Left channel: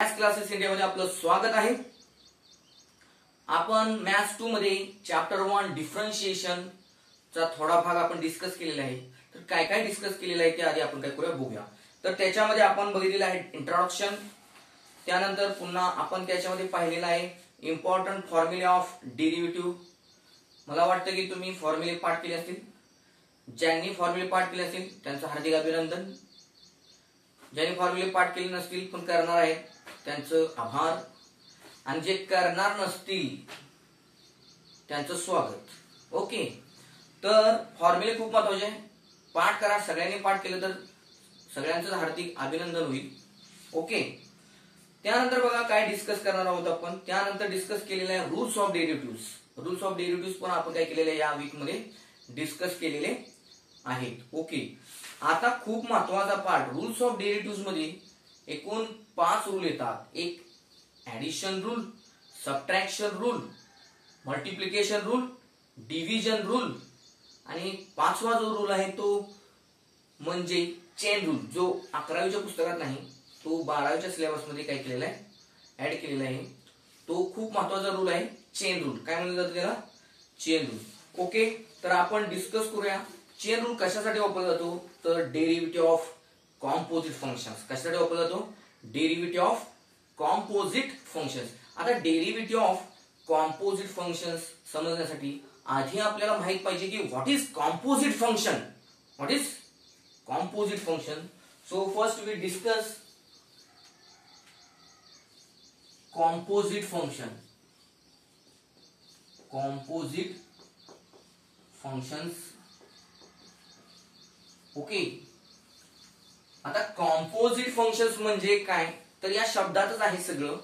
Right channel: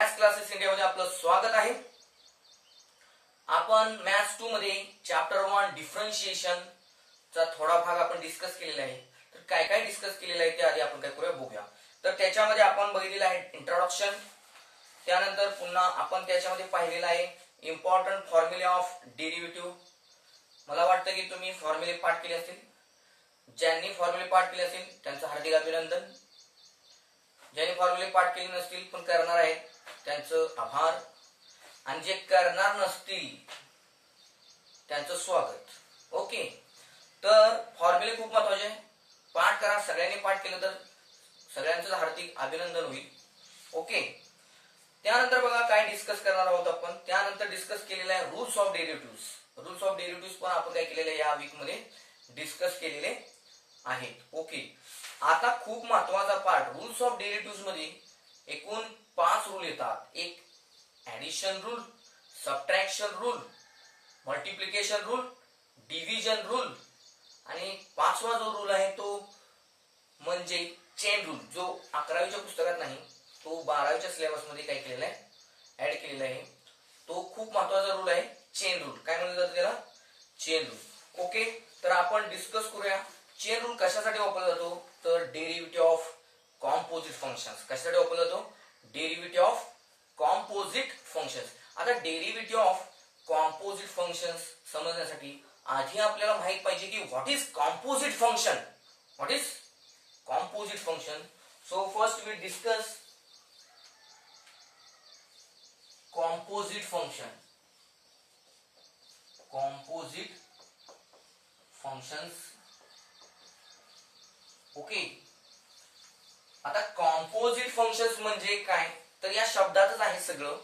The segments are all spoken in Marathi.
मॅथ्स क्लासेस इंडियामध्ये आपलं स्वागत आहे। आपण मॅथ्स 2 मध्ये चॅप्टर 1 डिफरन्शिएशन चा थोडा भाग आपण डिस्कस केलेला आहे। तर काय काय डिस्कस केलेलं आहे ते आधी आपण काय करूया बघूया। तर त्याच्यामध्ये आपण बघितलेलं आहे इंट्रोडक्शन, त्यानंतर पुन्हा आपण त्याच्यामध्ये पाहिलेलं आहे इम्पॉर्टंट फॉर्म्युले ऑफ डेरिव्हेटिव्ह। मला वाटतं की तुम्ही फॉर्म्युले पाठ केले असतील। ज्यांनी फॉर्म्युले पाठ केले असतील त्यांचं हार्दिक अभिनंदन। ज्यांनी फॉर्म्युले पाठ केले नसतील पण करणार आहेत त्यांचं आभार, आणि जे करणार नसतील त्यांचं स्वागत। ओके, तर फॉर्म्युले खूप महत्त्वाचे, पाठ करा। सगळ्यांनी पाठ केलं तर सगळ्यांचं हार्दिक अभिनंदन होईल। ओके, त्यानंतर बघा काय डिस्कस करणार आहोत आपण। त्यानंतर डिस्कस केलेला आहे rules of derivatives. Rules of derivatives पण आपण काय केलेले आहे या वीक मध्ये डिस्कस केलेले आहेत। ओके, आता खूप महत्त्वाचा पार्ट रूल्स ऑफ डेरिव्हेटिव्ह्ज मध्ये एकूण 5 रूल येतात। एक addition rule, subtraction rule, multiplication rule, division rule, आणि 5वा जो रूल आहे तो म्हणजे चेन रूल, जो 11वीच्या पुस्तकात नाही, तो 12वीच्या सिलेबस मध्ये काय केलेला आहे, ऍड केलेला आहे। तो खूप महत्त्वाचा रूल आहे चेन रूल। काय म्हणलं जातं त्याला? Chain rule. ओके, तर आपण डिस्कस करूया चेन रूल कशासाठी वापरला जातो। तर डेरिव्हेटिव्ह ऑफ कॉम्पोजिट फंक्शन्स। कशासाठी वापरला जातो? Derivative of composite functions. आता डेरिव्हेटिव्ह ऑफ कॉम्पोजिट फंक्शन्स समजण्यासाठी आधी आपल्याला माहित पाहिजे की what is composite function. What is composite function? So first we discuss composite function. Composite functions. Okay, आता कॉम्पोजिट फंक्शन्स म्हणजे काय, तर या शब्दातच आहे सगळं।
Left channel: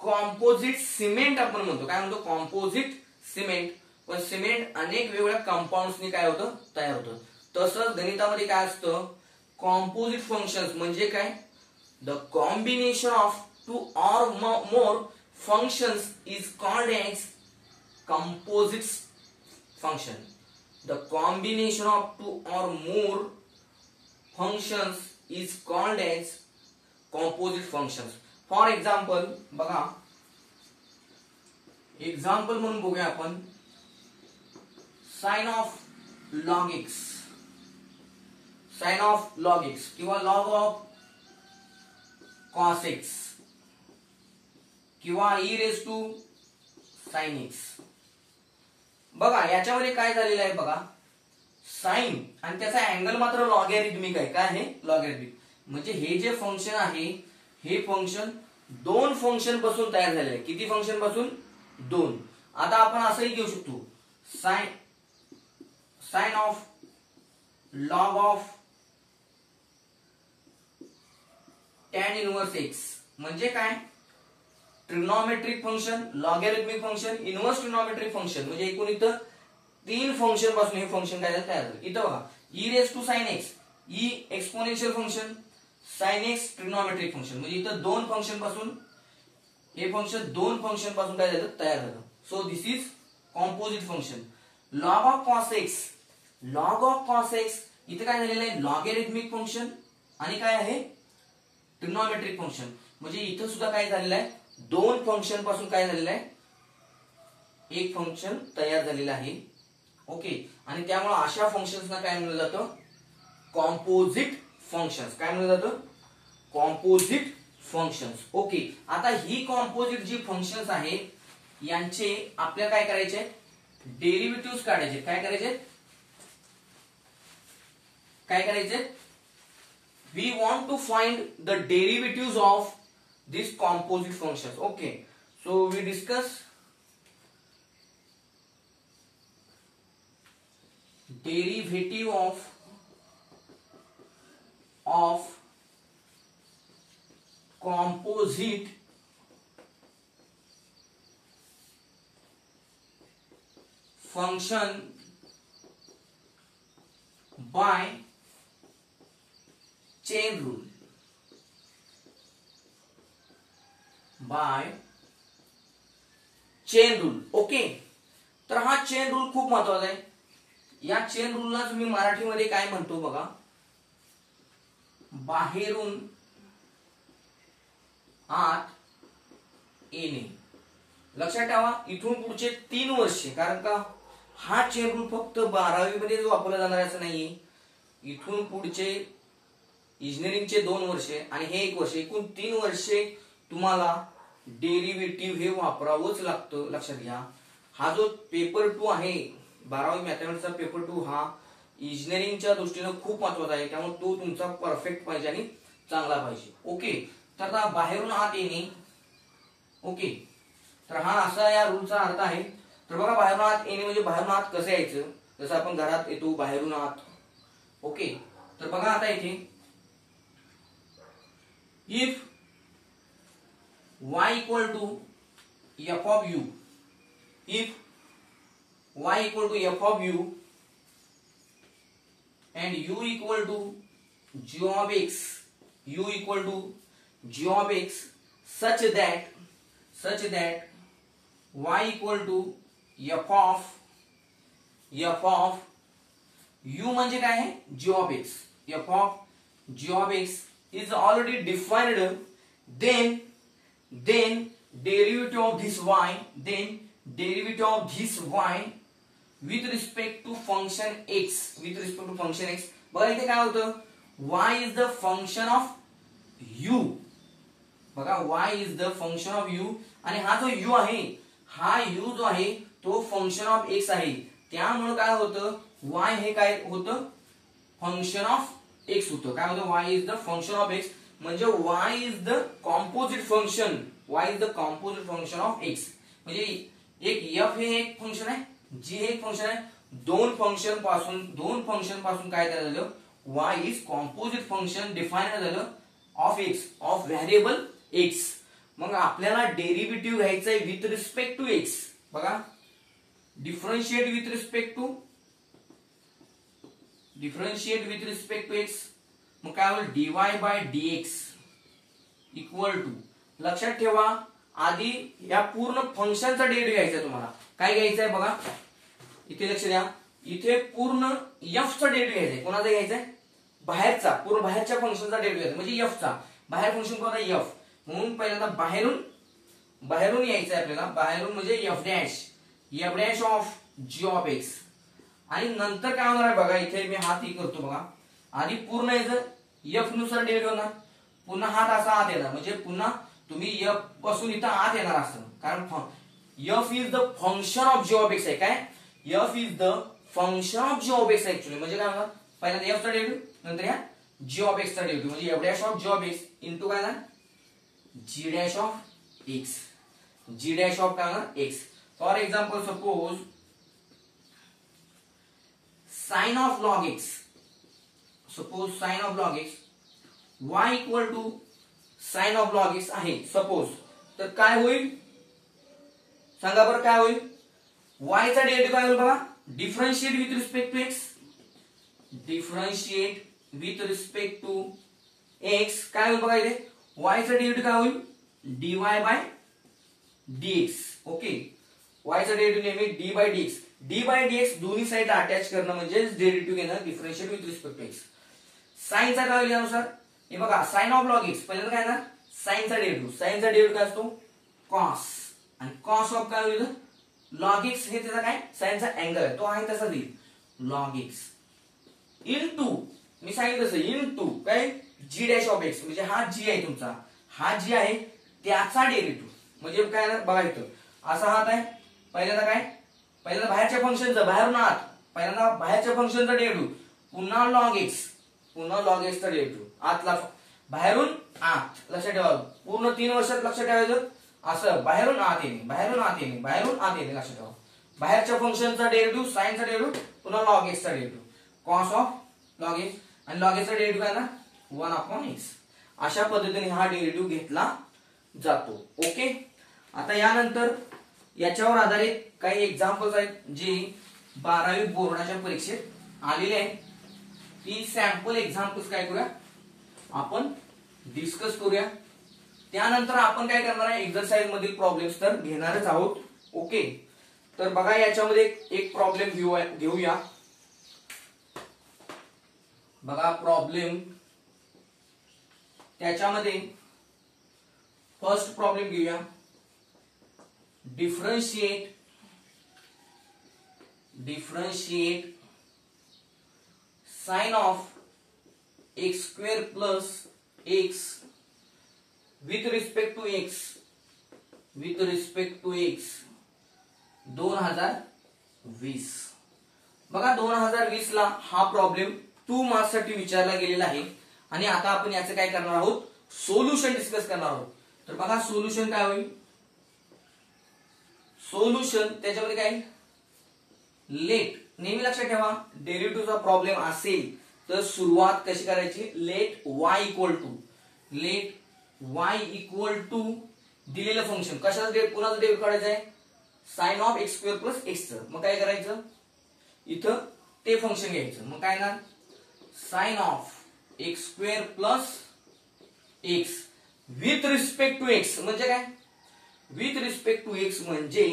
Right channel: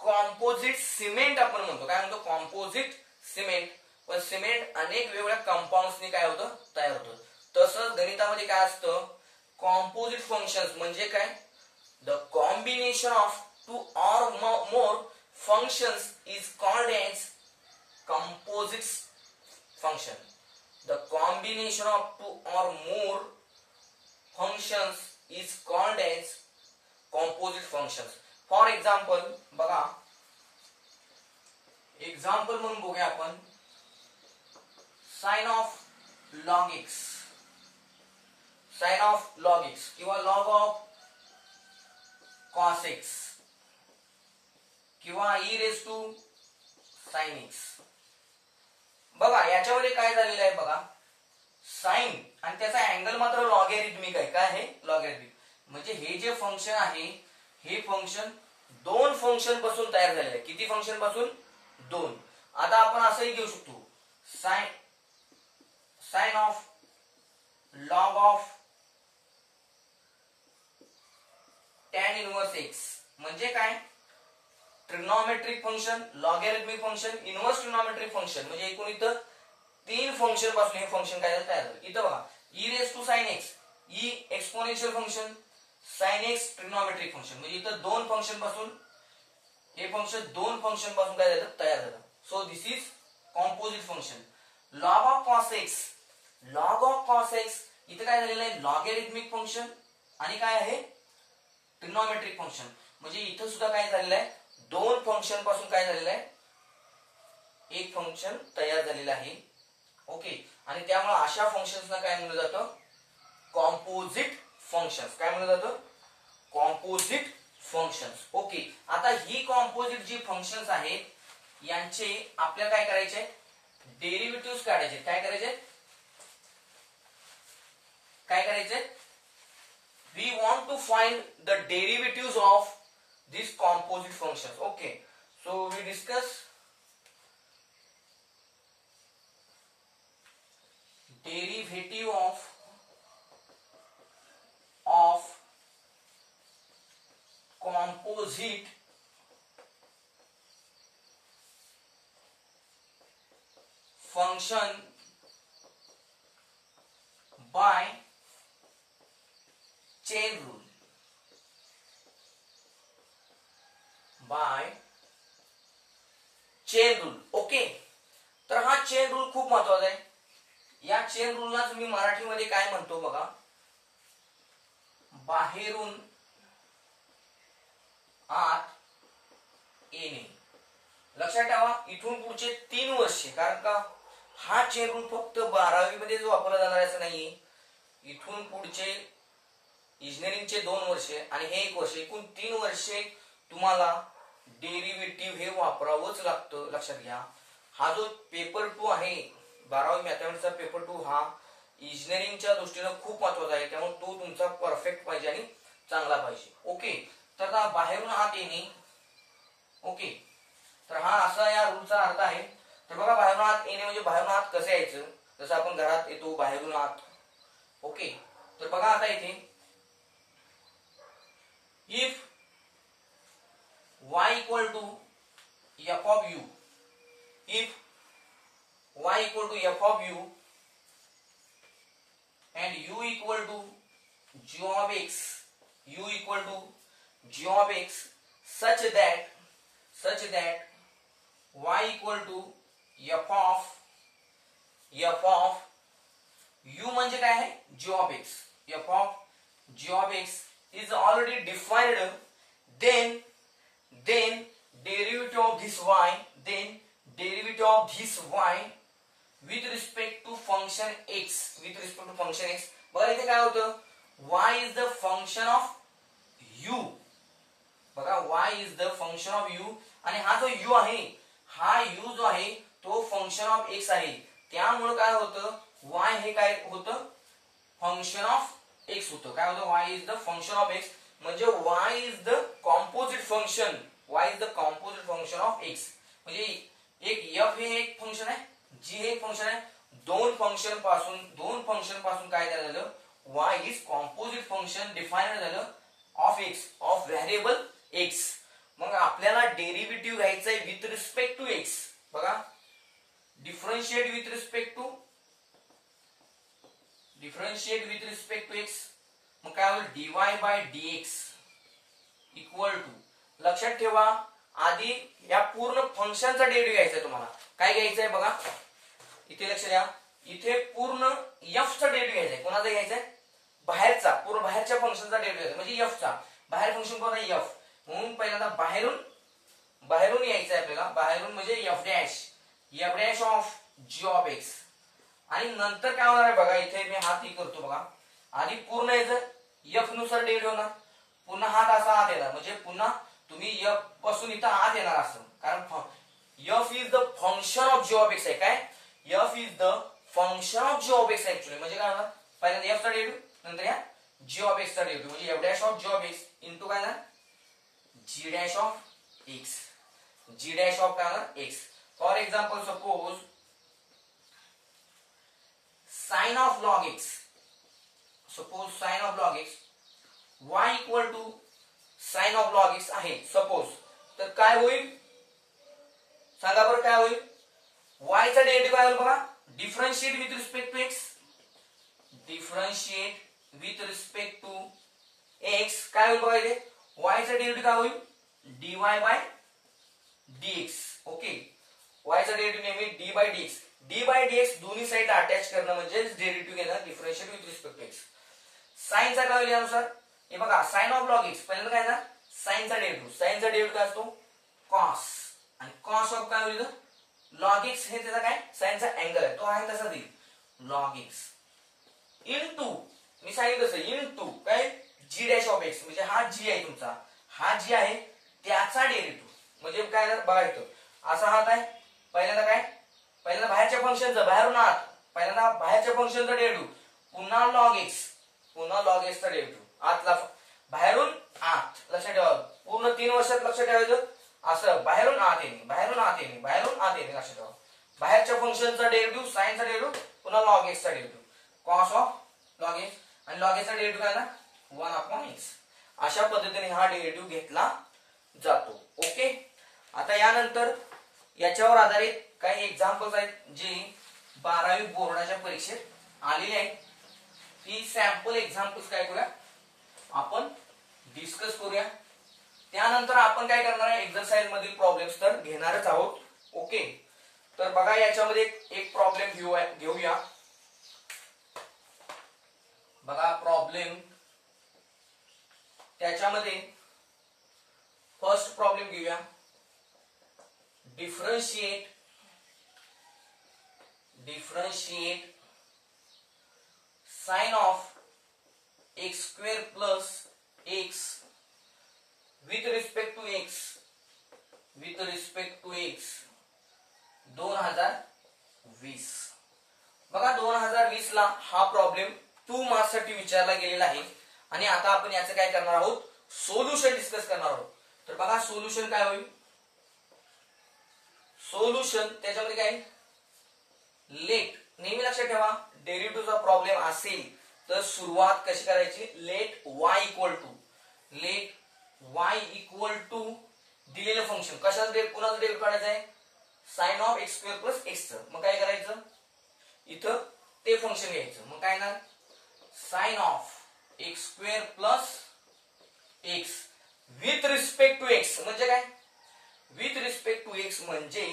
कॉम्पोजिट सिमेंट आपण म्हणतो। काय म्हणतो? Composite cement. पण सिमेंट अनेक वेगवेगळ्या कंपाऊंड्सनी काय होतं, तयार होतं। तसंच गणितामध्ये काय असतं, कॉम्पोजिट फंक्शन्स म्हणजे काय, the combination of 2 or more functions is called as composite function. The combination of 2 or more functions is called as composite functions. For example, बघा एक्झाम्पल म्हणून बघूया आपण sine of log x, sine of log x किंवा log ऑफ cos x किंवा e raised to sin x। बघा याच्यामध्ये काय झालेलं आहे, बघा साइन आणि त्याचा अँगल मात्र लॉगॅरिथमिक आहे। काय आहे? लॉगॅरिथमिक। म्हणजे हे जे फंक्शन आहे हे फंक्शन 2 फंक्शन पासून तयार झालेलं आहे। किती फंक्शन पासून? 2। आता आपण असंही घेऊ शकतो sine of log of tan inverse x म्हणजे काय, trigonometric function, logarithmic function, inverse trigonometric function. म्हणजे एकूण इथं 3 फंक्शन पासून हे फंक्शन काय तयार झालं। इथं बघा e raise to sin x, e exponential function, sin x trigonometric function. म्हणजे इथं 2 फंक्शन पासून हे फंक्शन 2 फंक्शन पासून काय झालं, तयार झालं। So this is composite function. log of cos x, log of cos x इथं काय झालेलं आहे, लॉगॅरिथमिक फंक्शन आणि काय आहे, ट्रिग्नोमेट्रिक फंक्शन। म्हणजे इथं सुद्धा काय झालेलं आहे, 2 फंक्शन पासून काय झालेलं आहे, एक फंक्शन तयार झालेलं आहे। ओके, आणि त्यामुळे अशा फंक्शन्सना काय म्हणलं जातं, कॉम्पोजिट फंक्शन्स। काय म्हणलं जातं? Composite functions. ओके, आता ही कॉम्पोजिट जी फंक्शन्स आहेत यांचे आपल्याला काय करायचे, डेरिव्हेटिव्ह्ज काढायचे। काय करायचे, काय करायचे, we want to find the derivatives of these composite functions. Okay, so we discuss derivative of composite function by chain rule. By chain rule. Okay, तर हा चेन रूल खूप महत्वाचा आहे। या चेन रूलला तुम्ही मराठीमध्ये काय म्हणतो बघा, बाहेरून येणे. लक्षात ठेवा इथून पुढचे 3 वर्षे, कारण का हा चेन रूल फक्त 12वी मध्येच वापरला जाणार असं नाहीये. इथून पुढचे इंजिनिअरिंगचे 2 वर्षे आणि हे 1 वर्ष, एकूण 3 वर्षे तुम्हाला डेरिव्हेटिव्ह हे वापरावंच लागतं. लक्षात घ्या. हा जो पेपर 2 आहे 12वी मॅथमॅटिक्सचा पेपर 2 हा इंजिनिअरिंगच्या दृष्टीने खूप महत्वाचा आहे. त्यामुळे तो तुमचा परफेक्ट पाहिजे आणि चांगला पाहिजे. ओके. तर आता बाहेरून आत येणे. ओके. तर हा असा या रूलचा अर्थ आहे. तर बघा बाहेरून आत येणे म्हणजे बाहेरून आत कसं यायचं, जसं आपण घरात येतो बाहेरून आत. ओके. तर बघा आता इथे if y equal to f of u, if y equal to f of u and u equal to g of x, u equal to g of x such that y equal to f of u म्हणजे काय आहे g of x, f of g of x is already defined, then derivative of this y, with respect to function x, बघा इथे काय होतं, y is the function of u. बघा y is the function of u आणि हा जो u आहे, हा u जो आहे तो फंक्शन ऑफ x आहे. त्यामुळे काय होतं, y हे काय होतं, फंक्शन ऑफ x होतं. काय होतं, y is the function of x म्हणजे y is the composite function, of x. म्हणजे एक f हे एक फंक्शन आहे, g हे एक फंक्शन आहे. दोन फंक्शन पासून काय झालं, y is composite function define झालं of x, of variable x. मग आपल्याला डेरिव्हेटिव्ह घ्यायचं आहे विथ रिस्पेक्ट टू x. बघा differentiate with respect to x. मग काय होईल, dy by dx equal to, लक्षात ठेवा आधी या पूर्ण फंक्शनचा डेरिव्हेटिव्ह घ्यायचा तुम्हाला. काय घ्यायचं आहे बघा इथे लक्ष द्या, इथे पूर्ण f चा डेरिव्हेटिव्ह घ्यायचा आहे. कोणाचा घ्यायचा आहे, बाहेरचा, पूर्ण बाहेरच्या फंक्शनचा डेरिव्हेटिव्ह घ्यायचा म्हणजे f चा. बाहेर फंक्शन कोणता आहे, f. म्हणून पहिल्यांदा बाहेरून यायचं आहे आपल्याला. बाहेरून म्हणजे f dash of g of x. आणि नंतर काय होणार आहे बघा, इथे मी हात ही करतो बघा. आधी पूर्ण यायचं f नुसार डेरिव्हेटिव्ह होणार, पुन्हा हात असा आत येणार, म्हणजे पुन्हा तुम्ही f पासून इथं आत येणार असं. कारण f is the function of g of x आहे. काय, f is the function of g of x actually. म्हणजे काय होणार, पहिल्यांदा f चा डेरिव्हेटिव्ह, नंतर या g ऑफ x चा डेरिव्हेटिव्ह, म्हणजे f dash of g of x into काय ना g dash of x, g dash of काय होणार x. For example suppose sine of log x, y equal to sine of log x आहे सपोज. तर काय होईल सांगा बरं, काय होईल, y चा डेरिव्हेटिव्ह काय होईल बघा, differentiate with respect to x, काय होईल बघा इथे, y चा डेरिव्हेटिव्ह काय होईल, dy by dx. Okay, y चा डेरिव्हेटिव्ह नेहमी d बाय dx दोन्ही साइड अटॅच करणं म्हणजे डेरिव्हेटिव्ह घेणं, differentiate with respect to x. साइनचा काय होईल यानुसार, हे बघा साइन ऑफ log x, पहिल्यांदा काय ना साइनचा डेरिव्हेटिव्ह काय असतो, कॉस. आणि कॉस ऑफ काय होईल, log x हे त्याचा काय साइनचा अँगल आहे, तो आहे तसा देईल log x इनटू, मी सांगितलं तसं इनटू काय g डॅश ऑफ x, म्हणजे हा g आहे तुमचा, हा g आहे त्याचा डेरिव्हेटिव्ह. म्हणजे काय ना बघा इथं असा हात आहे, पहिल्यांदा बाहेरच्या फंक्शनचा, बाहेरून आत, पहिल्यांदा बाहेरच्या फंक्शनचा डेरिव्हेटिव्ह, पुन्हा log x चा डेरिव्हेटिव्ह, आतला बाहेरून आत. लक्षात ठेवा पूर्ण 3 वर्षात लक्षात ठेवायचं असं, बाहेरून आत येणे. लक्षात ठेवा बाहेरच्या फंक्शनचा डेरिव्हेटिव्ह, साइनचा डेरिव्हेटिव्ह, पुन्हा log x चा derivative, cos of log x, आणि log x चा डेरिव्हेटिव्ह काय ना 1/x. अशा पद्धतीने हा डेरिव्हेटिव्ह घेतला जातो. ओके. आता यानंतर याच्यावर आधारित काही एक्झाम्पल्स आहेत जे 12वी बोर्डाच्या परीक्षेत आलेले आहेत. ती सॅम्पल एक्झाम्पल्स काय करूया आपण डिस्कस करूया. त्यानंतर आपण काय करणार आहे, एक्सरसाइज मधील प्रॉब्लेम्स तर घेणारच आहोत. ओके. तर बघा याच्यामध्ये एक प्रॉब्लेम घेऊया. बघा प्रॉब्लेम, त्याच्यामध्ये फर्स्ट प्रॉब्लेम घेऊया. Differentiate sine of x square plus x with respect to x 2020. बघा 2020 ला हा प्रॉब्लेम 2 मार्क्स साठी विचारला गेलेला आहे आणि आता आपण याचं काय करणार आहोत, सोल्युशन डिस्कस करणार आहोत. तर बघा सोल्युशन काय होईल, सोल्युशन त्याच्यामध्ये काय, लेट, नेहमी लक्षात ठेवा डेरिव्हेटिव्हचा प्रॉब्लेम असेल तर सुरुवात कशी करायची, लेट y इक्वल टू दिलेलं फंक्शन, कशाचं कुणाचं डेरिव्हेटिव्ह काढायचं आहे, sine of x square plus x. मग काय करायचं, इथं ते फंक्शन घ्यायचं. मग काय ना, sine of x square plus x with respect to x. म्हणजे काय, विथ रिस्पेक्ट टू एक्स म्हणजे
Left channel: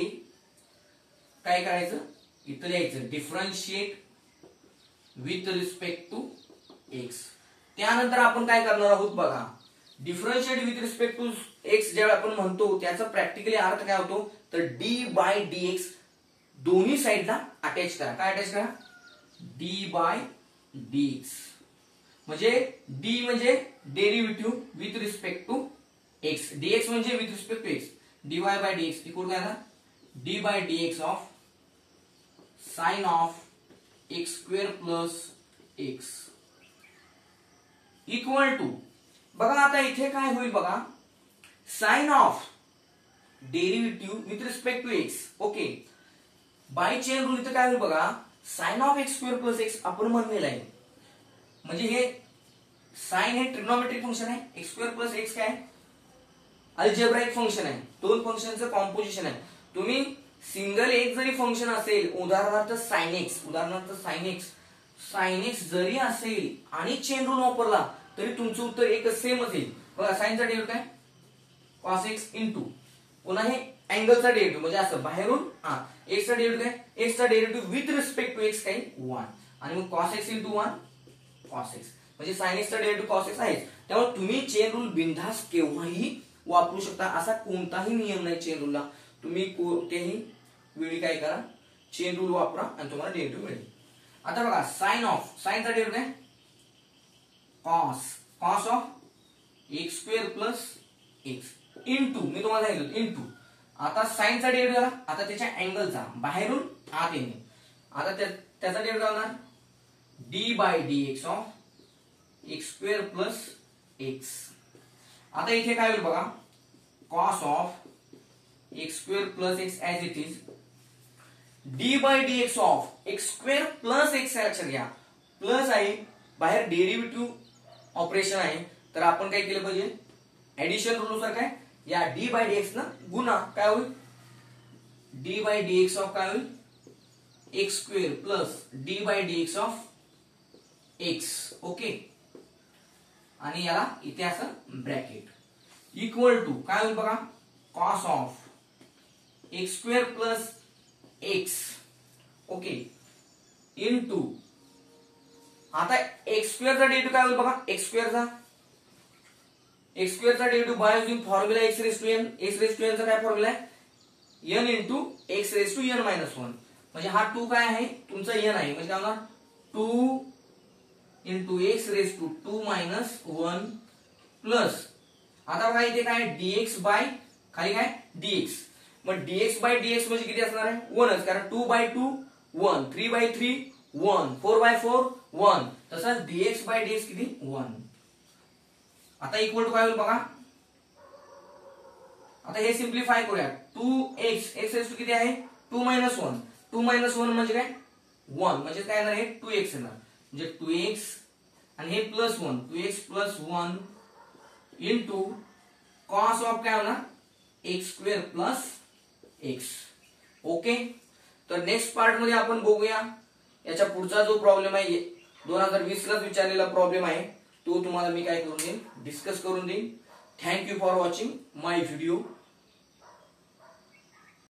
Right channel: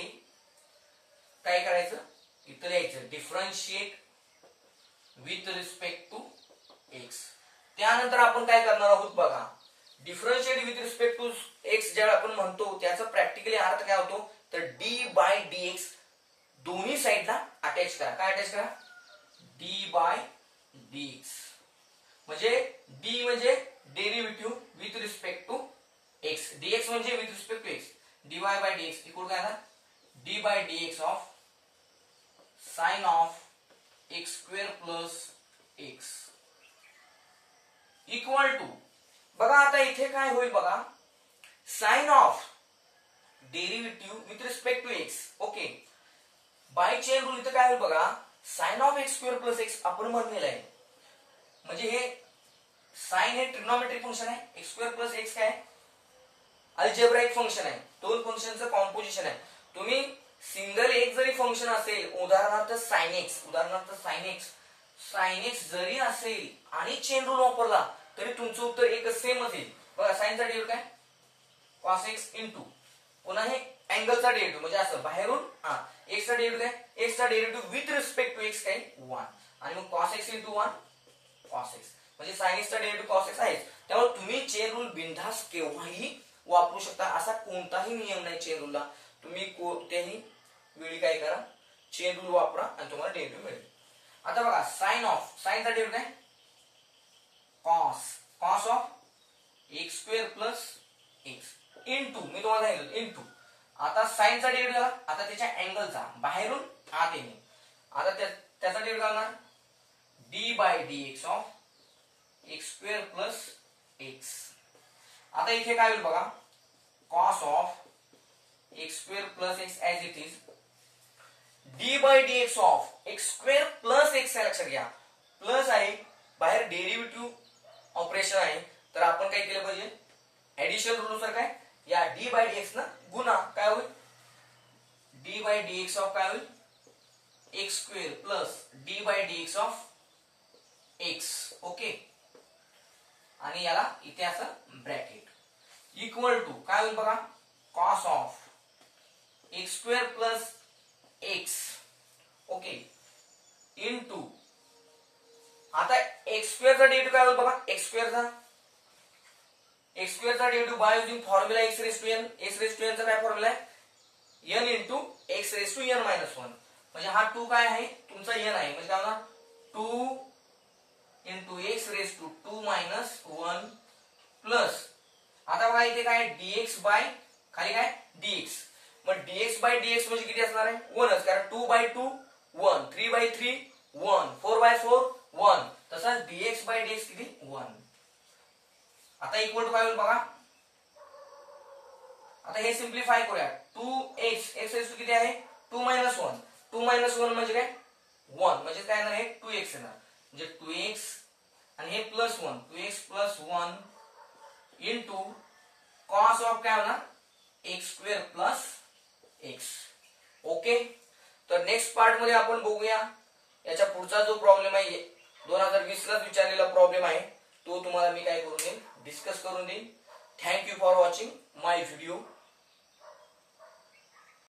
काय करायचं, इथं लिहायचं differentiate with respect to x. त्यानंतर आपण काय करणार आहोत बघा, differentiate with respect to x ज्यावेळी आपण म्हणतो त्याचा प्रॅक्टिकली अर्थ काय होतो, तर डी बाय डी एक्स दोन्ही साईडला अटॅच करा. काय अटॅच करा, डी बाय डी एक्स. म्हणजे डी म्हणजे derivative with respect to x, dx म्हणजे with respect to x, dy by d x equal काय ना, d by d x of sine of x square plus x equal to. बघा आता इथे काय होईल बघा, sine of derivative with respect to x. Okay, by chain rule इथं काय होईल बघा, sine of x square plus x आपण म्हणलेलं आहे. म्हणजे हे साइन हे ट्रिग्नोमेट्रिक फंक्शन आहे, एक्स स्क्वेअर प्लस एक्स काय अल्जेब्राइक फंक्शन आहे, दोन फंक्शनचं कॉम्पोजिशन आहे. तुम्ही सिंगल एक जरी फंक्शन असेल, उदाहरणार्थ साइन एक्स जरी असेल आणि चेन रूल वापरला तरी तुमचं उत्तर एकच सेमच येईल. बघा साइनचा डेरिव्हेटिव्ह काय, कॉस एक्स इंटू, पुन्हा हे अँगलचा डेरिव्हेटिव्ह म्हणजे असं बाहेरून एक्सचा डेरिव्हेटिव्ह काय, एक्सचा derivative with respect to x काय 1 आणि मग cos x into 1 cos x म्हणजे साइन एक्सचा डेरिव्हेटिव्ह कॉस एक्स आहे. त्यामुळे तुम्ही चेन रूल बिनधास्त केव्हाही वापरू शकता, असा कोणताही नियम नाही चेन रूलला. तुम्ही कोणत्याही वेळी काय करा, चेन रूल वापरा आणि तुम्हाला डेरिव्हेटिव्ह मिळेल. आता बघा साइनचा डेरिव्हेटिव्ह काय, cos of x square plus x into, मी तुम्हाला सांगितलं इंटू. आता साइनचा डेरिव्हेटिव्ह झाला, आता त्याच्या अँगलचा बाहेरून आत येणे. आता त्याचा डेरिव्हेटिव्ह होणार d by d x of x square plus x. आता इथे काय होईल बघा, cos of x square plus x as it is d by d x of x square plus x. लक्षात घ्या प्लस आहे, बाहेर डेरिव्हेटिव्ह ऑपरेशन आहे, तर आपण काय केलं पाहिजे, ऍडिशन रूलनुसार काय या डी बाय डी एक्स ना गुणा, काय होईल d by d x of काय होईल x square plus d by d x of x. Okay, आणि याला इथे असं ब्रॅकेट इक्वल टू काय होईल बघा, cos of x square plus x. Okay, into आता एक्स स्क्वेअरचा डेरिव्हेटिव्ह काय होईल बघा, एक्स स्क्वेअरचा derivative by using formula x raise to n. X raise to n चा काय फॉर्म्युला आहे, n into x raise to n minus 1. म्हणजे हा 2 काय आहे तुमचा एन आहे, म्हणजे काय होणार 2 into x raise to 2 minus 1 plus. आता बघा इथे काय डीएक्स बाय खाली काय डीएक्स. मग डीएक्स बाय डीएक्स म्हणजे किती असणार आहे 1च, कारण 2 बाय 2 1, 3 बाय 3 1, 4 बाय 4 1. तसंच डीएक्स बाय डीएक्स किती 1. आता इक्वल टू काय होईल बघा, आता हे सिम्प्लिफाय करूया. 2x एक्स रेस टू किती आहे 2 मायनस 1. 2 मायनस 1 म्हणजे काय 1, म्हणजे काय येणार आहे 2x येणार. म्हणजे 2x आणि हे plus 1, 2x plus 1 into cos of काय होणार x square plus x. Okay, तर नेक्स्ट पार्ट मध्ये आपण बघूया याच्या पुढचा जो प्रॉब्लेम आहे 2020 ला विचारलेला प्रॉब्लेम आहे तो तुम्हाला मी काय करून देईन, डिस्कस करून देईन. Thank you for watching my video.